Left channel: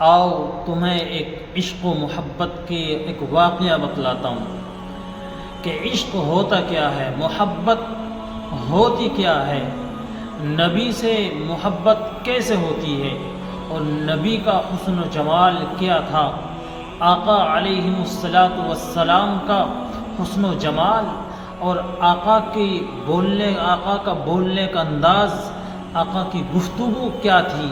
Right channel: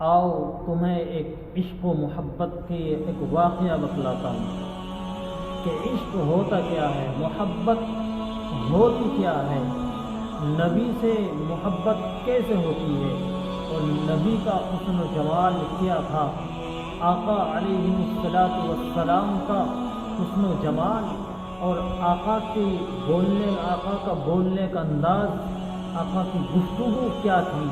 آؤ تمہیں ایک عشق و محبت کے ایک واقعہ بتلاتا ہوں کہ عشق ہوتا کیا ہے، محبت ہوتی کیا ہے، نبی سے محبت کیسے ہوتی ہے، اور نبی کا حسن و جمال کیا تھا، آقا علیہ السلام کا حسن و جمال، اور آقا کا بولنے کا انداز، آقا کی گفتگو کیا تھی،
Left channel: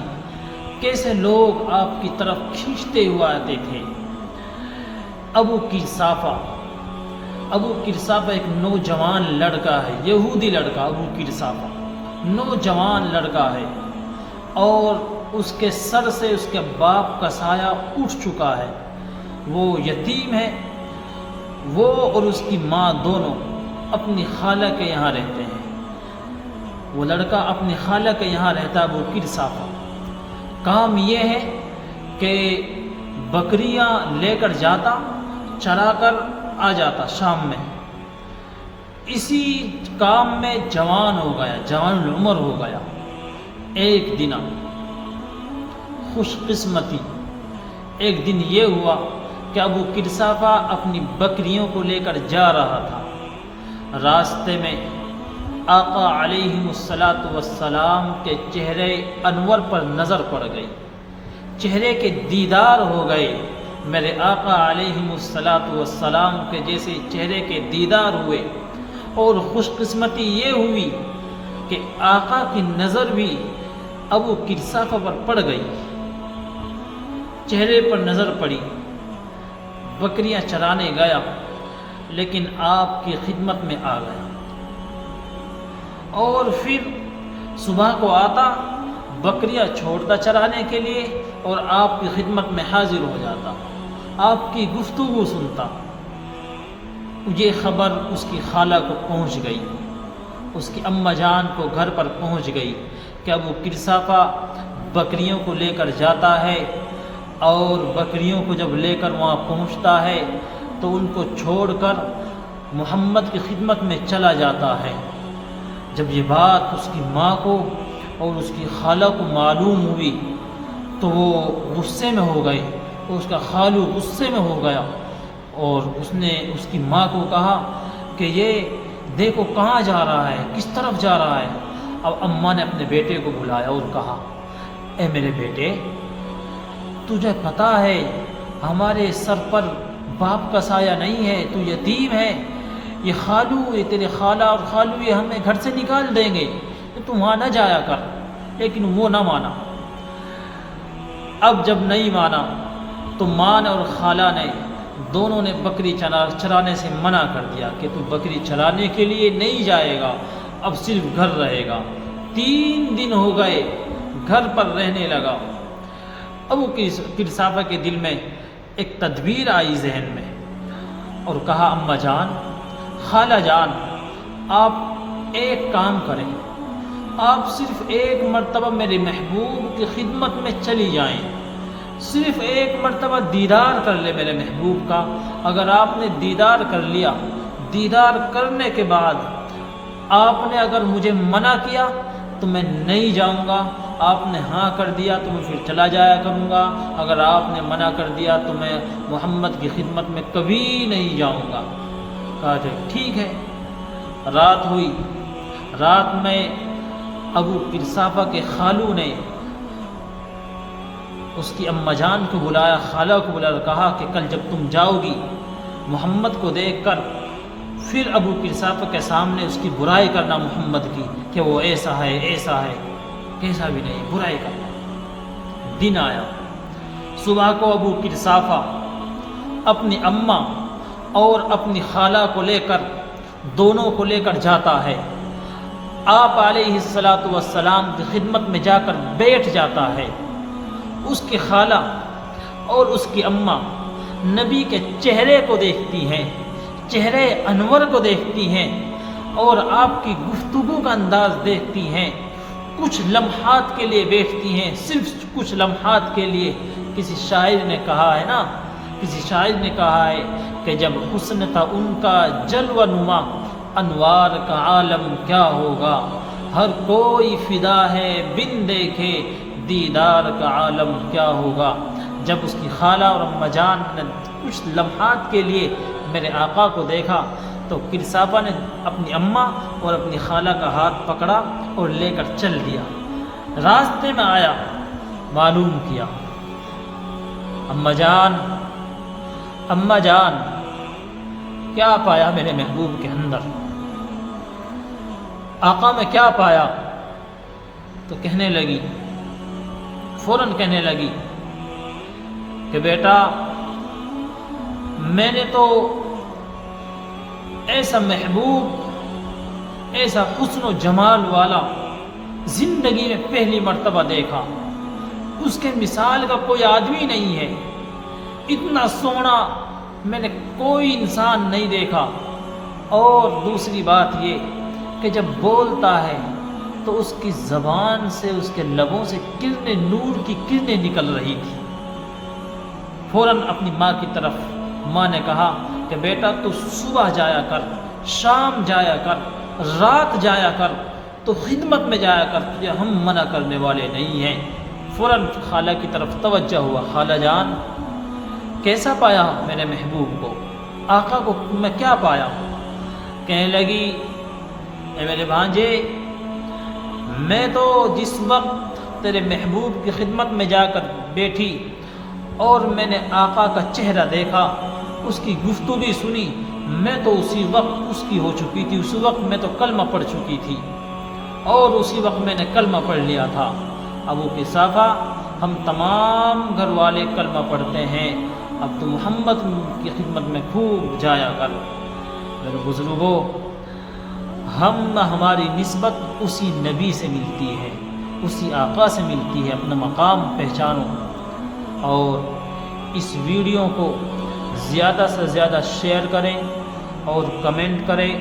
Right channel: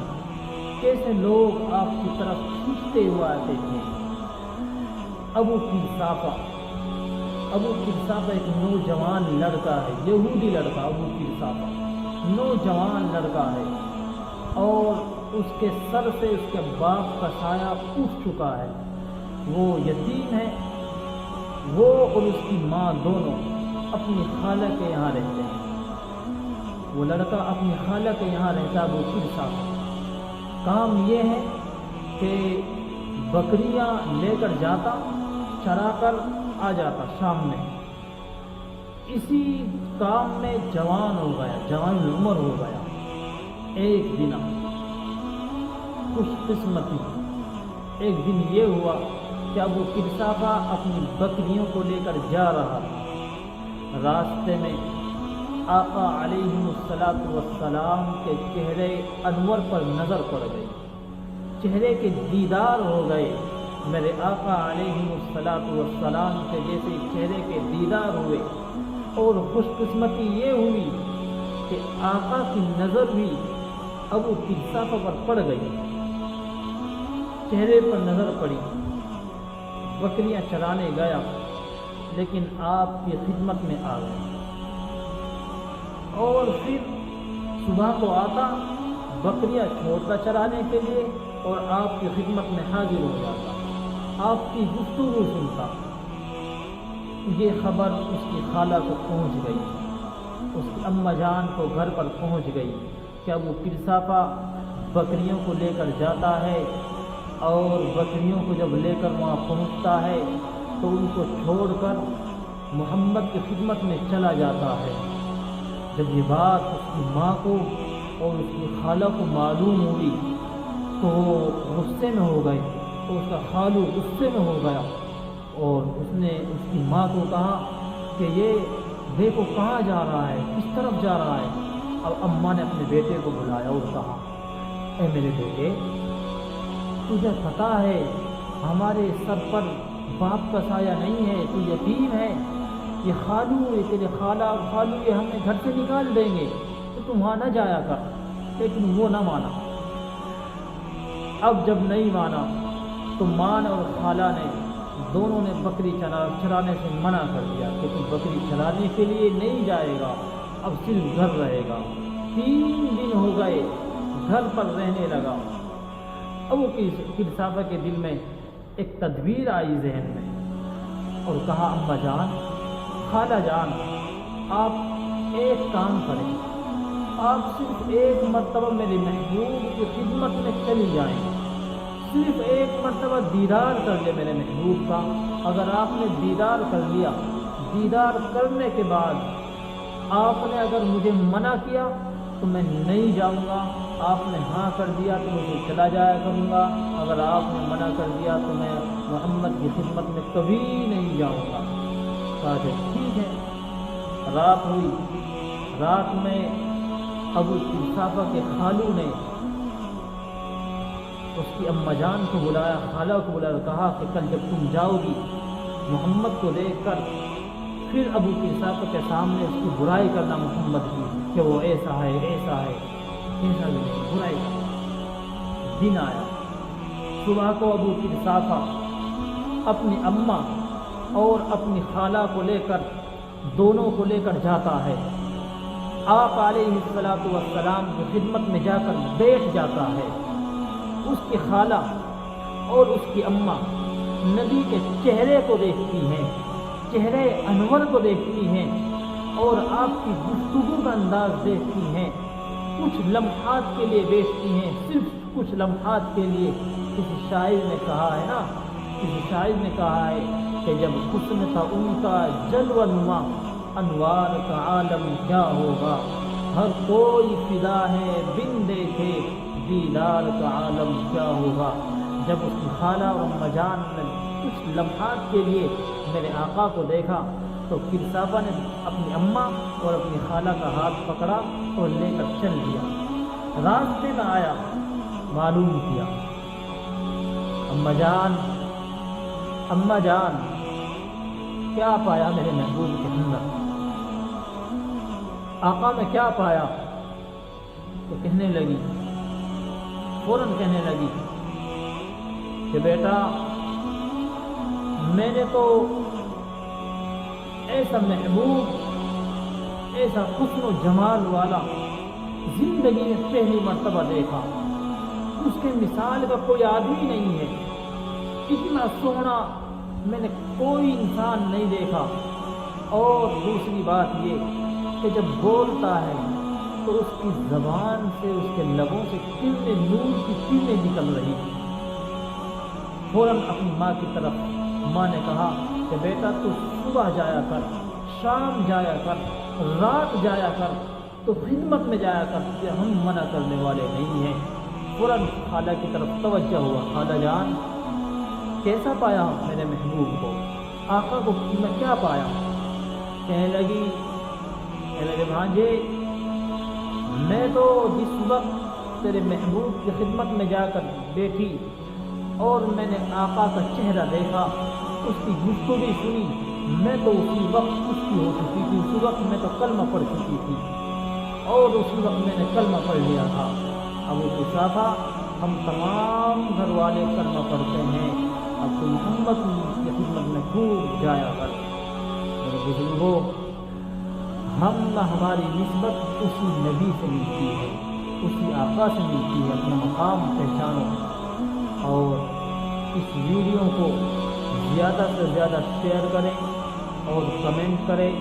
کیسے لوگ آپ کی طرف کھینچتے ہوئے آتے تھے۔ ابو قرصافہ ایک نوجوان لڑکا ہے، یہودی لڑکا، ابو قرصافہ نوجوان لڑکا ہے، اور اس کے سر سے اس کے باپ کا سایہ اٹھ چکا ہے، وہ یتیم ہے۔ وہ اور اس کی ماں دونوں اپنی خالہ کے یہاں رہتے ہیں، وہ لڑکا اپنی خالہ کے یہاں رہتا ہے، ابو قرصافہ۔ کام یہ ہے کہ بکریاں لے کر جاتا، چرا کر آ جاتا شام میں۔ اسی کام میں جوان ہو گیا، جوان العمر ہو گیا۔ ایک دن خوش قسمتی، ایک دن یہ ہوا کہ ابو قرصافہ اپنی بکریوں کو لے کر جا رہا تھا۔ راستے میں آقا علیہ السلام کے چہرے انور پر نظر پڑ گئی، چہرے کے دیدار ہو گئے۔ میرے آقا علیہ السلام کے جیسے چہرے کے دیدار ہوئے، اور خوش قسمتی یہ ہوئی کہ آقا کی نظر بھی ابو قرصافہ پر پڑ گئی، چہرے پر نظر پڑی۔ بکریاں چرانے گیا، لیکن آپ کی خدمت میں آ گیا، اور پھر صبح کو آتا، بکریاں چھوڑتا چرانے کے لیے، اور آپ کی خدمت میں حاضر ہو جاتا، آپ کی گفتگو سنتا۔ یہ خبر اس کی خالہ کو پہنچ گئی، اس کی اماں جان کو گھر پر پہنچ گئی کہ ابو قرصافہ بکریوں کو لے کر جاتا ہے، اور بکریوں کو جب لے کر وہاں پہنچتا ہے تو ان کو چھوڑ کر محمد کی خدمت میں چلا جاتا ہے۔ جب یہ بات اس کی ماں کو اور اس کی خالہ کو معلوم ہوئی تو وہ غصے میں ہو گئے، اور اس کا خالو غصے میں ہو گیا، اور اس نے اس کی ماں کو کہا کہ یہ دیکھو کہاں جا رہا ہے، کس طرف جا رہا ہے۔ اب اماں نے اپنے بیٹے کو بلایا اور کہا، اے میرے بیٹے، تجھے پتہ ہے ہمارے سر پر باپ کا سایہ نہیں ہے، تو یتیم ہے، یہ خالو، یہ تیرے خالہ اور خالو یہ ہمیں گھر سے نکال دیں گے، تو تم وہاں نہ جایا کر۔ لیکن وہ نہ مانا۔ اب جب نہیں مانا تو ماں نے اور خالہ نے دونوں نے بکری چرانے سے منع کر دیا کہ تو بکری چرانے کے لیے نہیں جائے گا، اب صرف گھر رہے گا۔ 3 دن ہو گئے، گھر پر رہنے لگا۔ ابو قرصافہ کے دل میں ایک تدبیر آئی ذہن میں، اور کہا، اماں جان، خالہ جان، آپ ایک کام کریں، آپ صرف ایک مرتبہ میرے محبوب کی خدمت میں چلی جائیں، صرف ایک مرتبہ دیدار کر لے میرے محبوب کا۔ اگر آپ نے دیدار کر لیا، دیدار کرنے کے بعد آپ نے اگر مجھے منع کیا تو میں نہیں جاؤں گا، آپ نے ہاں کر دیا تو میں پھر چلا جایا کروں گا، اگر آپ نے منع کر دیا تو میں محمد کی خدمت میں کبھی نہیں جاؤں گا۔ کہا کہ ٹھیک ہے۔ رات ہوئی، رات میں ابو قرصافہ کے خالو نے اس کی اماں جان کو بلایا، خالہ کو بلایا، کہا کہ کل جب تم جاؤ گی محمد کو دیکھ کر، پھر ابو قرصافہ کے سامنے اس کی برائی کرنا محمد کی، کہ وہ ایسا ہے، ایسا ہے، ایسا بھی نہیں، برائی کرنا۔ دن آیا، صبح کو ابو قرصافہ اپنی اماں اور اپنی خالہ کو لے کر، دونوں کو لے کر جاتا ہے، آپ علیہ السلام کی خدمت میں جا کر بیٹھ جاتا ہے۔ اس کی خالہ اور اس کی اماں نبی کے چہرے کو دیکھتی ہیں، چہرے انور کو دیکھتی ہیں، اور آپ کی گفتگو کا انداز دیکھتی ہیں۔ کچھ لمحات کے لیے بیٹھتی ہیں، صرف کچھ لمحات کے لیے۔ کسی شاعر نے کہا ہے نا، کسی شاعر نے کہا ہے کہ جب حسن تھا ان کا جلوہ نما، انوار کا عالم کیا ہوگا، ہر کوئی فدا ہے بن دیکھے دیدار کا عالم کیا ہوگا۔ جب اس کی خالہ اور اماں جان نے کچھ لمحات کے لیے میرے آقا کو دیکھا تو کرسافہ نے اپنی اماں اور اپنی خالہ کا ہاتھ پکڑا اور لے کر چل دیا۔ راستے میں آیا، معلوم کیا، اماں جان کیا پایا میرے محبوب کے اندر، آقا میں کیا پایا؟ تو کہنے لگی، فوراً کہنے لگی کہ بیٹا میں نے تو ایسا محبوب، ایسا حسن و جمال والا زندگی میں پہلی مرتبہ دیکھا، اس کے مثال کا کوئی آدمی نہیں ہے، اتنا سونا میں نے کوئی انسان نہیں دیکھا۔ اور دوسری بات یہ کہ جب بولتا ہے تو اس کی زبان سے، اس کے لبوں سے کرنیں، نور کی کرنیں نکل رہی تھی۔ فوراً اپنی ماں کی طرف ماں نے کہا کہ بیٹا تو صبح جایا کر، شام جایا کر، رات جایا کر، تو خدمت میں جایا کر، تجھے ہم منع کرنے والے نہیں ہیں۔ فوراً خالہ کی طرف توجہ ہوا، خالہ جان کیسا پایا میرے محبوب کو، آقا کو میں کیا پایا؟ کہنے لگی اے میرے بھانجے، میں تو جس وقت تیرے محبوب کی خدمت میں جا کر بیٹھی اور میں نے آقا کا چہرہ دیکھا، اس کی گفتگو سنی، میں تو اسی وقت اس کی ہو چکی تھی، اسی وقت میں تو کلمہ پڑھ چکی تھی، اور اسی وقت میں نے کلمہ پڑھ لیا تھا۔ ابو قحافہ ہم تمام گھر والے کلمہ پڑھتے ہیں، اب تو محمد کی خدمت میں خوب جایا کر۔ میرے بزرگوں، ہماری نسبت اسی نبی سے ملتی ہے، اسی آقا سے ملتی ہے، اپنا مقام پہچانو۔ اور اس ویڈیو کو زیادہ سے زیادہ شیئر کریں اور کمنٹ کریں،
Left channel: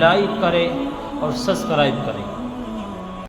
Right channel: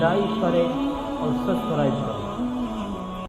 لائک کریں اور سبسکرائب کریں۔